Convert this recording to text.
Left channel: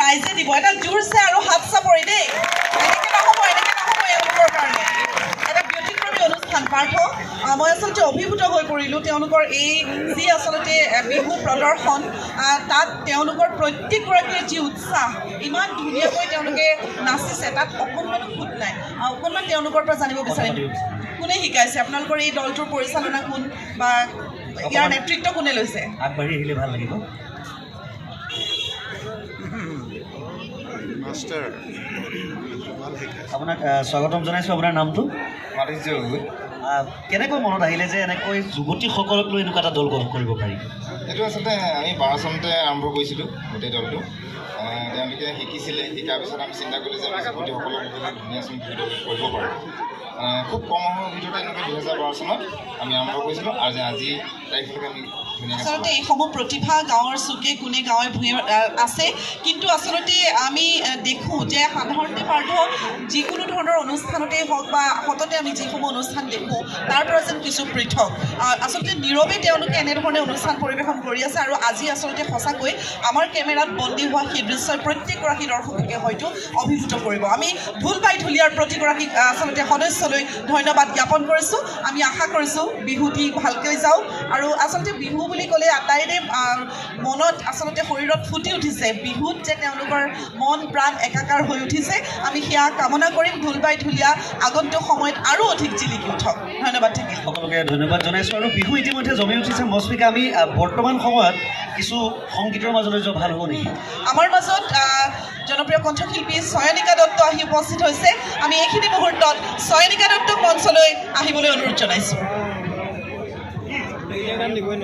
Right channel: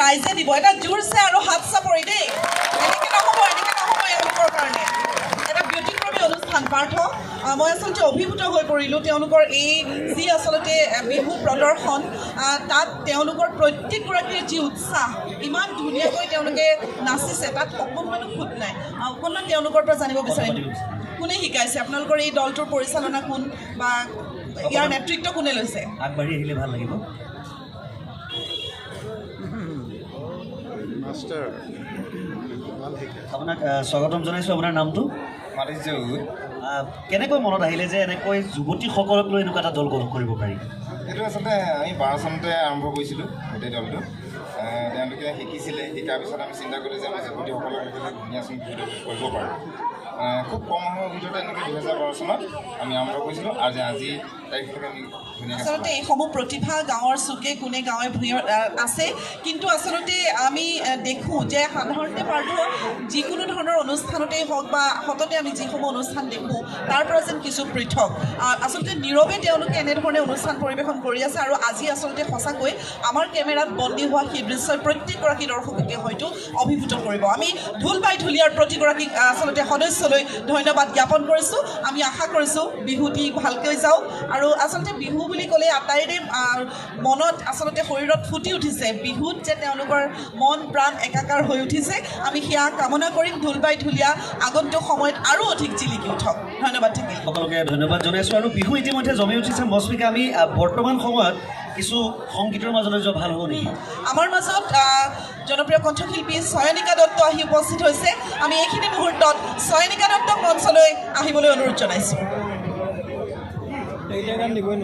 ৰাইজে দিব এটা জোৰছে আৰু হাত চাপৰি দেই এনেকৈ নহ'ব এওঁলোকৰ কাৰণে এটা ব্যতিক্ৰমী অনুষ্ঠান পাৰ্থ মই আচলতে অভিভূত হৈ পৰিলোঁ তেওঁলোকৰ এই যি আচলতে বিহু প্ৰদৰ্শন তাত তেওঁলোকৰ প্ৰত্যেকগৰাকীৰ যি উৎসাহ ইমান ধুনীয়াকৈ তেওঁলোকে নাচিছে তাত অকণমানো খুঁত নাই অকণমান তেওঁলোকৰ পৰা জানিব বিচাৰিম কোনে শিকাইছে আপোনালোকৰ এই দলটোৰ পৰিচালনা কোন বা ইয়াৰ নেতৃত্ব কোনে লৈছে আগবাঢ়ি আহিলে ভাল লাগিব মাষ্টাৰ আপোনাক স্বাগতম জনাইছোঁ আপোনাৰ নামটো কেনেকৈ মনত আহিলে যে এনেকৈ যুৱতীসকলক লৈ এনেকুৱা এটা দল গঠন কৰিব পাৰি এইটো আচলতে আমি 12 চনতে আৰম্ভ কৰিছিলোঁ গোটেই দলটো তেওঁলোকে শিকিছিলে শিকাৰ পিছত আমি চিন্তা কৰিলোঁ যে আমি যুৱতীসকলক ধুনীয়া চন কৰিব পাৰোঁ খুব কম সময়ৰ ভিতৰতে এনেকৈ 2012 চনত আমি আৰম্ভ কৰিছিলোঁ আৰু আজি তাৰিখলৈকে আমি আচলতে এইসমূহ প্ৰতিভা গাঁৱৰ চুকে কোণে গাঁৱে ভূঞে আছে কিন্তু আচলতে আমি দেখোঁ যে সাধাৰণতে পাৰ্থ যিকোনো ধৰণৰ অনুষ্ঠানতেই হওক বা সততে আমি যিসমূহ অনুষ্ঠান দেখোঁ তাৰ পৰা যেন কিছু পৃথক আচলতে নীৰৱে তেওঁলোকে এনেধৰণে অনুষ্ঠান পৰিৱেশন কৰি আছে আৰু আজি আচলতে সঁচাকৈ আমাৰ কেমেৰাত বন্দী হোৱা সেই দৃশ্যই প্ৰত্যেকগৰাকী দৰ্শককে হয়তো অভিভূত কৰিব আমি ঢোলবাই ঢুলীয়াৰ প্ৰতিগৰাকী আচলতে সদস্যলৈ ধন্যবাদ জ্ঞাপন কৰিছোঁ আমি আশা কৰিছোঁ বিহুটি ভালকৈ যাওক আৰু আচলতে বিহু বুলি ক'লে আটাইৰে মনত আচলতে শৰীৰত ফুটি উঠিছে বিহুত যে তেওঁলোকৰ মন প্ৰাণ একাকাৰ হৈ উঠিছে আমি সেয়া কামনা কৰিম ঢোলবাই ঢুলীয়া আগন্তুক সময়ত আৰু অধিক জিলিকি উঠক ধন্যবাদ থাকিল সকলোকে ধন্যবাদ জনাইছোঁ আৰু বিহু ইতিমধ্যে জমি উঠিছে মস্মিকা আমি বৰ্তমান সময়ত কিছু সংগীতৰ মাজলৈ যোৱা ভাল হ'ব নেকি আমাৰ মাজত জনপ্ৰিয় কণ্ঠশিল্পী চয়নিকা দত্ত আহি উপস্থিত হৈছে আমি এইখিনি মুহূৰ্তত চয়নিকা দত্তক মঞ্চলৈ আহিবলৈ অনুৰোধ জনাইছোঁ